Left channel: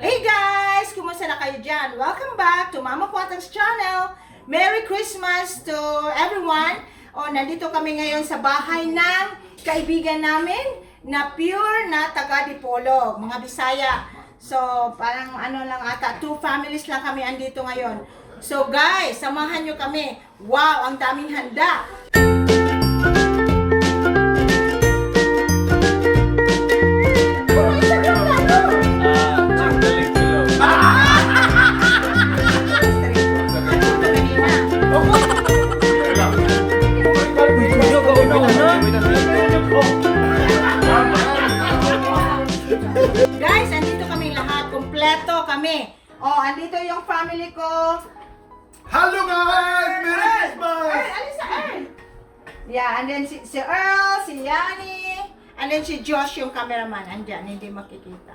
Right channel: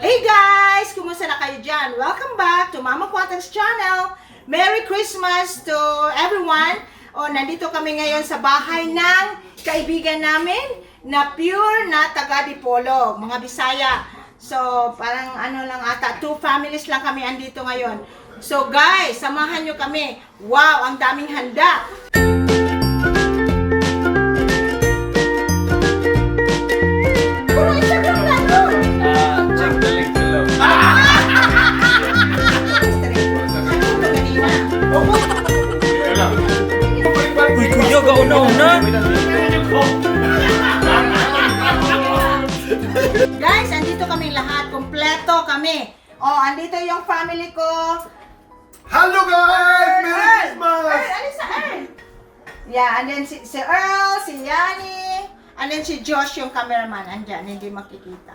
Hey guys! Kumusta na kayo dyan? Welcome back to Mama Quatang's channel. Merry Christmas to everyone. Nandito kami ngayon sa bahay ng kaibigan namin na pure na taga Dipolog, mga Bisaya. So, parang ano lang ata, 2 families lang kami andito ngayon. So guys, samahan nyo kami. Wow, ang daming handa. Guys, andito kami lahat. Kompleto kami. Andito yung family ko. Hello guys! Merry Christmas! Alin sa Earl? Yeah, and then si Earl, si Yani, and then si Josh yung cameraman. Andyan, hindi makikita.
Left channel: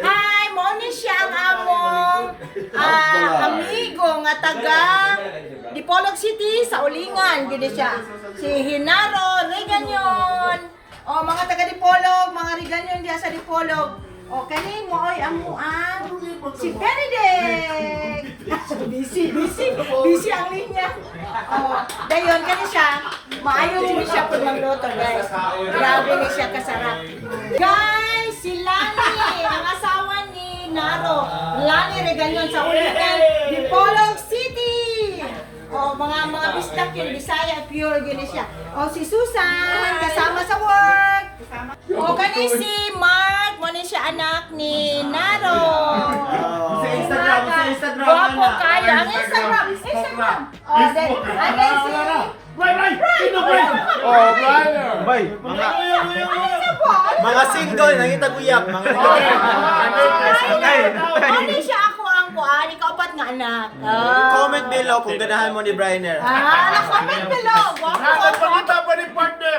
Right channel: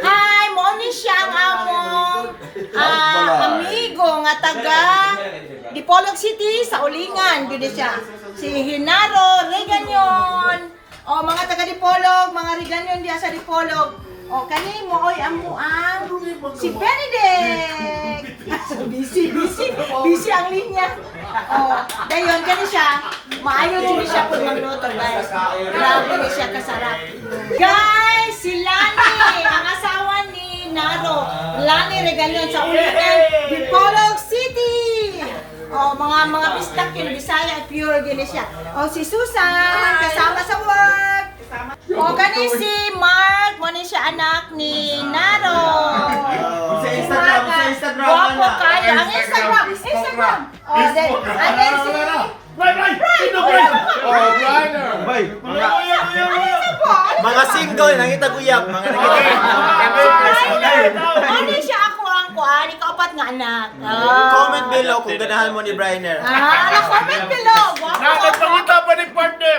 Hi! Moni siya ang among amigo nga taga Dipolog City sa Ulingan. Gini siya. Si Hinaro Reganyon. Mga taga Dipolog, mga Reganyon diya sa Dipolog. Kani mo oy amuang si Benedict. Busy ang linya. Dayon kani siya. Maayo din siya pud magluto, guys. Grabe ni siya kasarap. Guys, si Lani, ang asawa ni Naro. Lani Regalyon sa Ulingan, Dipolog City. Mga bistak yun, Bisaya, pure gini siya. Si Susan, kasama sa work. Kani si Mark, muna siya anak ni Naro. Sa Instagram Guwapo kayo. Ang Instagram. And then si Briner! Mga single, nangitaguyap, mga Briner. Ano siya ako ang kuan, ikaw-apat nga anak. Comment below kung ganahan mo ni Briner. Comment below. Guwapo. Nakakapagkita pa ni partner!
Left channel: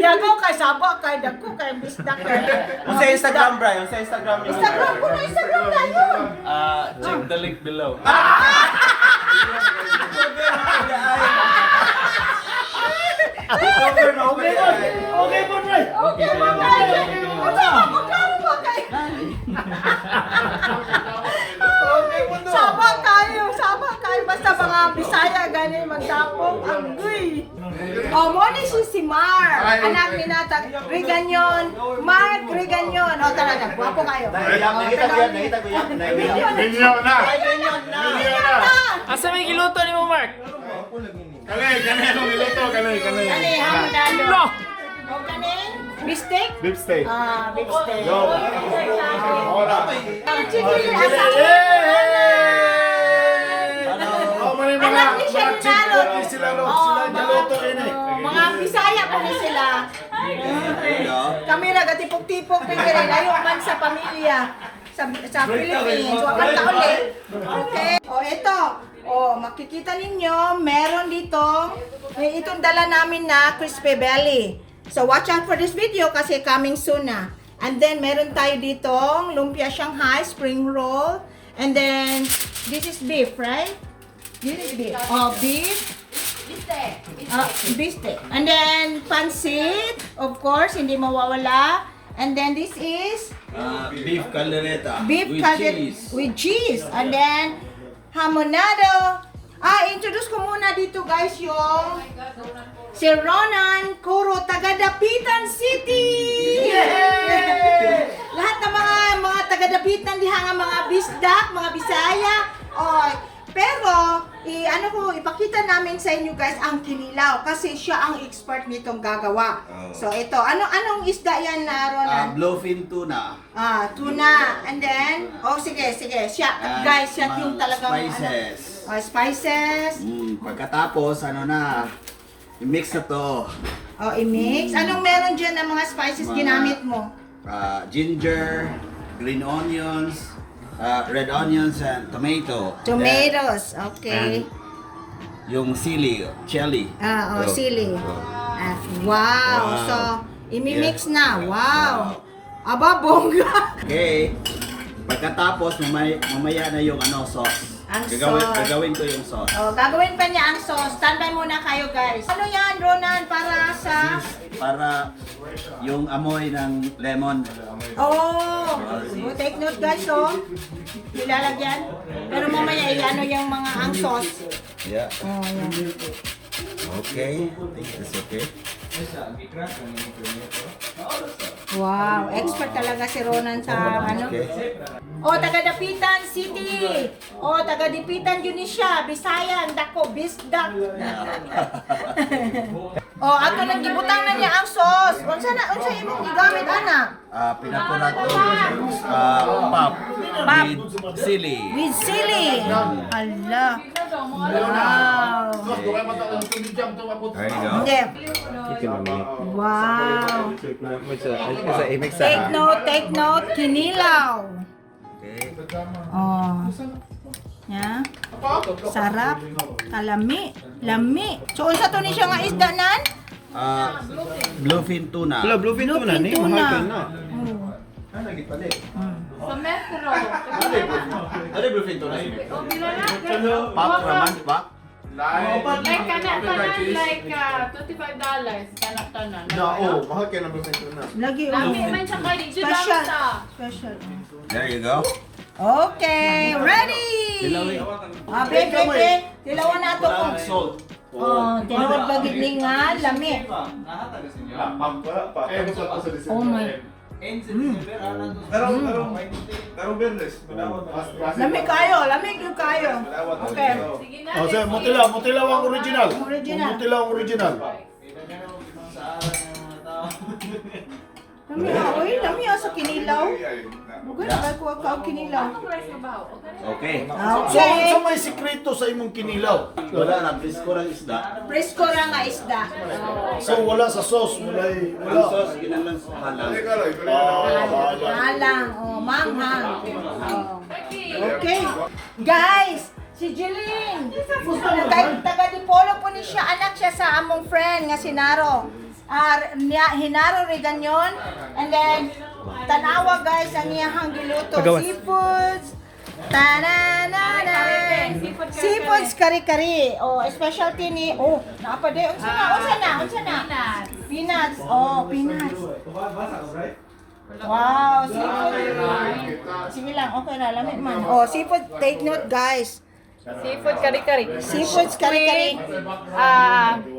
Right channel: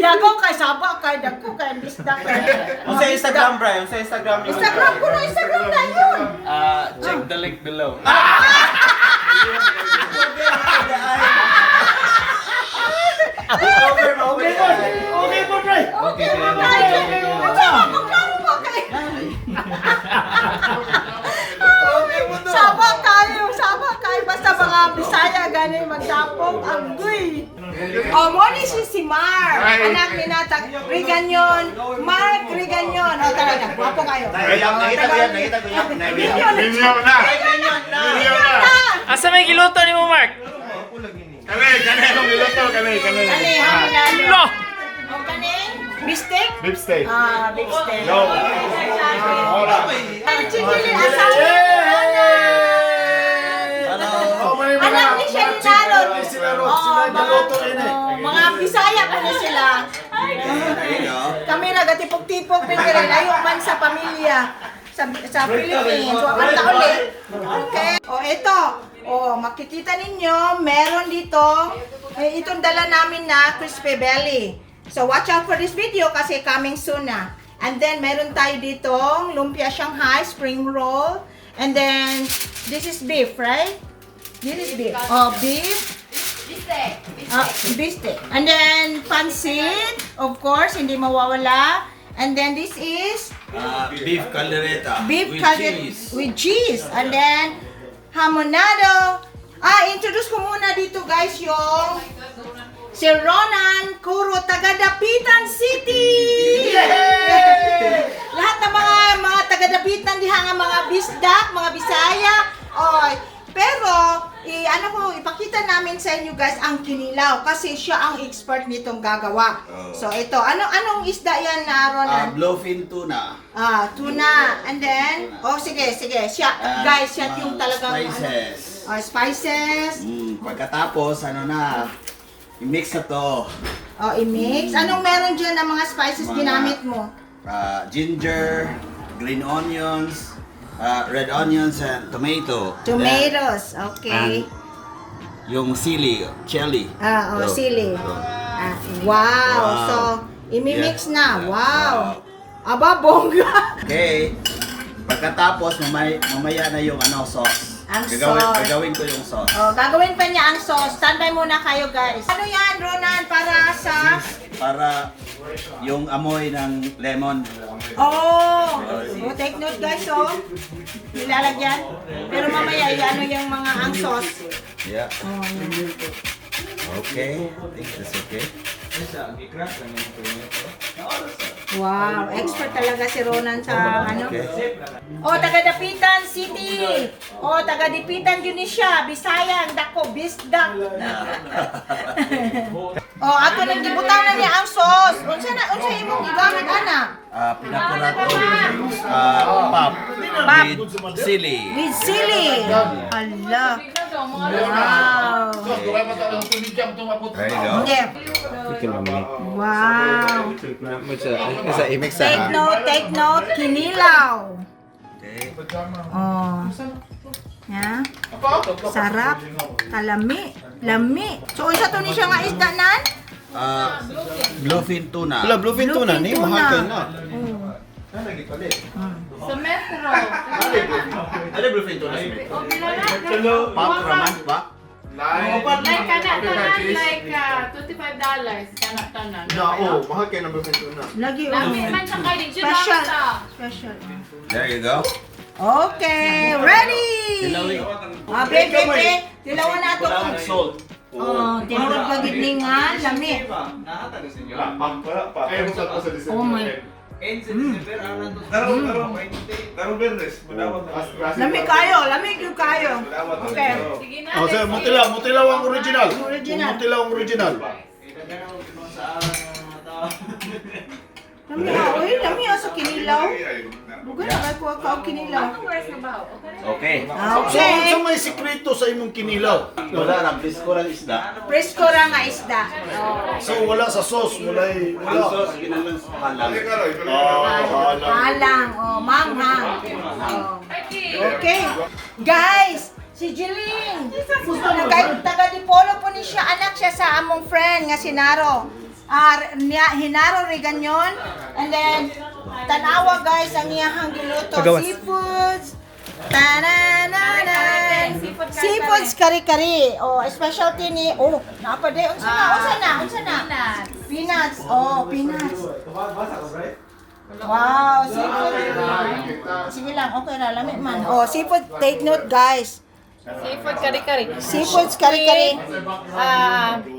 Yago kay Saba, kay Dako, kay Bisdak. Yung sa Instagram, Brian, yung sa Instagram ni Instagram ko na, Instagram na yun. Check the link below. Okay po, Bray! Okay, mga magkano ba kayo? Saba kayo. Basta mga Bisaya, gani magdapong agoy. Moni si Mar, anak ni Natag Reganyon, Mark Reganyon. Talaga, guwapo kayo. Nangitaguyap. Ninyo na! Asa may giluto ni mo, Mark? Kanay, anong niluto? Kanay. No! Kanin? Bistek? Beef steak. Beef steak. Yo! Ora! Chicken asawa. Anak ni siya ni Narod. Mga Bisaya pa na sila. Kami nagatipok-tipok, pero layo man sa pamilya. Sa Philippines. Wakan na ulit. Okay. Ito. Makikita ninyo, meron dito. Itong dala namin na crispy belly. So, watch out for this video kasi coming soon na. And then, meron tayo ditong lumpia Shanghai, spring roll. And then, this is beef, right? This is beef. Beef. Bistek. And then, pancit. Of course, hindi mawawala. And then, this is Beef caldereta. beef with cheese. And then, hamonado. Introduce ko muna dito, guys, yung si Ronan Kuro, taga Dapitan City! Lahat ng mga taga Dapitan diha nga mga bisdak, mga Bisaya. Pero ipakita namin sa inyo, guys, ang kinilaw kasi siya ang expert nitong gagawa. So ito, anong isda yan na Ronan? Bluefin tuna. Tuna. And then, sige. Siya, guys, siya yung talagang Spices. spices. Pagkatapos, i-mix na to. I-mix. Anong meron dyan ng mga spices ginamit mo? Ginger, green onions, red onions, and tomato. Tomatoes. Okay. Yung chili. Sili. Wow. So, imimix na. Wow. Aba, bongga. Okay. Pagkatapos, mamaya na yung sauce. Ang sauce. Gagawin ko yung sauce. Gagawin pa niya ang sauce. Standby muna kayo, guys. Ano yan, Ronan? Para sa... Para yung amoy ng lemon. take note guys, oh. Nilalagyan. Pero mamaya, ano yung mga ang sauce. Yeah. Oh, yan. Okay. I think that's okay. Wow, expert talaga si Ronan sa ano. Okay. O, taga-Dapitan City. O, taga-Dapitan yun siya. Bisayan, dako, bisdak. O, ato nang gibutanan niya ang sauce. Unsa imong gigamit, ana? Pinakunat ko pop with sili. With sili. Hala. Wow. There you go. Hindi. Wow. Take note, kinilaw. Okay. Oh. Ya. Sarap. Kalami. Lami. So, unsa to ni siya nga isda nan? Bluefin tuna. Bluefin tuna ni mahal kayo na. Sa metro. Ano bluefin tuna? Pop raman pa. Like kana like $25 kana tanan. Mahal kayo ng bluefin tuna. Lagi Lami umi. man sa kay di Special. sa. Special. There you go. Okay, ready. Bebe. Tilawan na to kung. Oh, tinawag ba gid ni nga lami. Oh my. Lami gyud kayo. Okay. Sige na. Oh, sir, mutilaw ang original. Original. Mutilaw ang original. Lami sa kinilaw. Bugan na ko ka kinilaw. Okay. Okay. So may sikreto sa imong kinilaw. Wala na, bisko lang isda. Presko ra nga isda. So wala sa sauce, wala. Ang sauce, ginalang sa halang. Alang, manghang. Okay. Guys, si Jeline. Gusto na guys, taga Dipolo po ni siya. Anak siya sa among friend nga si Naro. Hinaro Reganyon. And then, tanawa guys ang iyahang giluto. Seafoods. Tananana. Seafoods kari-kari. Oh, specialty ni, napade. Unsa na? Peanuts. Oh, peanuts. Wow, seafood. Sige lang, okay na, lamig man. Oh, seafood, take note guys. Seafood kari-kari. Seafoods kari-kari.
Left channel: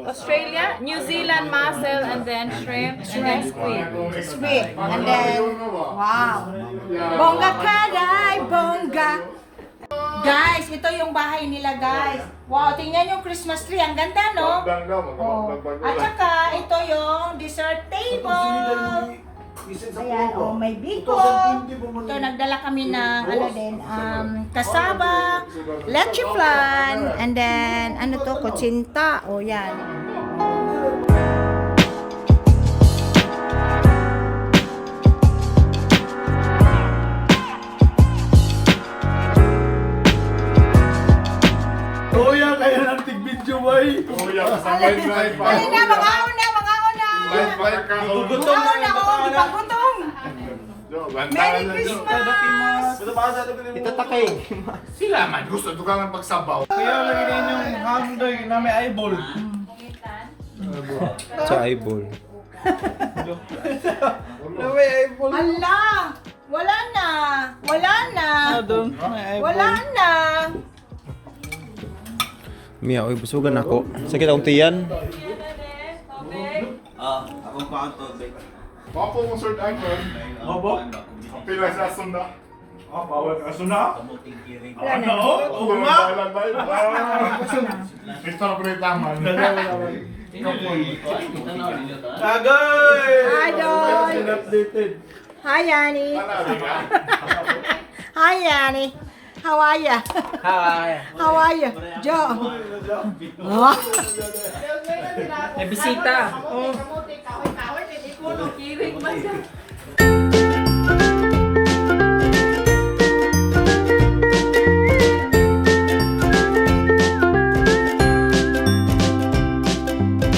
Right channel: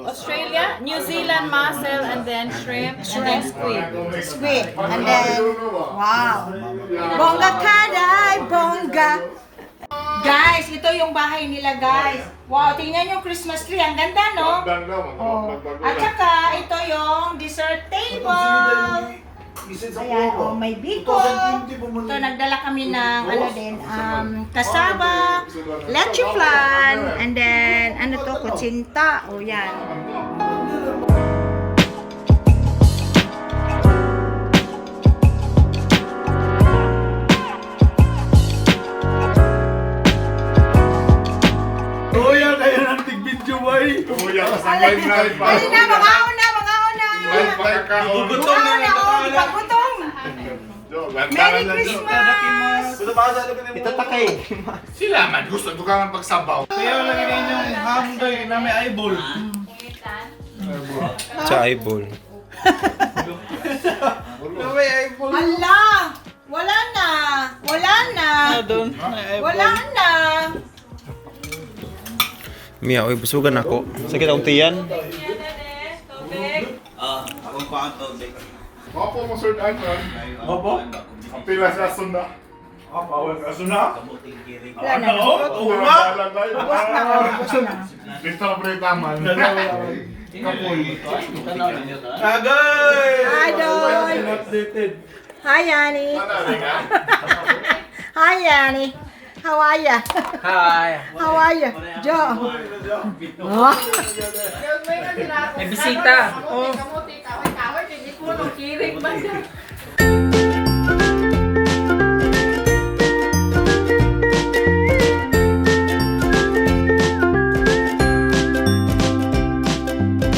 Australia, New Zealand mussel and then shrimp and then squid. Squid. And then, wow. Bongga kaday, bongga. Guys, ito yung bahay nila guys. Wow, tingnan yung Christmas tree. Ang ganda, no? Oh. At saka, ito yung dessert table. Ayan, may biko. Ito, nagdala kami ng, kasaba, leche flan, and then, kutsinta. O, yan. Kuya, kaya ng tig-video boy. Alin na, mga una. Mga una, ipagutong. Merry Christmas! Itatakay. Sila man, gusto ito ka ng pagsabaw. Kaya lagi ninyo hamdoy na may eyeball. Sa eyeball. Na may eyeball. Hala! Wala na! Wala na! Mia, oy, busugan ako. Sakit akong tiyan. Akong pangatog. Wapo mo sir iPhone. Opo. Pilas na sunda. Bawal ka suna. Wala na. Oo nga. Ubus na. Ito na pala yung taman. Agay! Hi, Doy! Updated. Hi, Yanni! Hi, Yanni! How are ya? How are ya? Joe! May bisita. Oh. Kamuti kahoy-kahoy kay mo no kirig ba siya.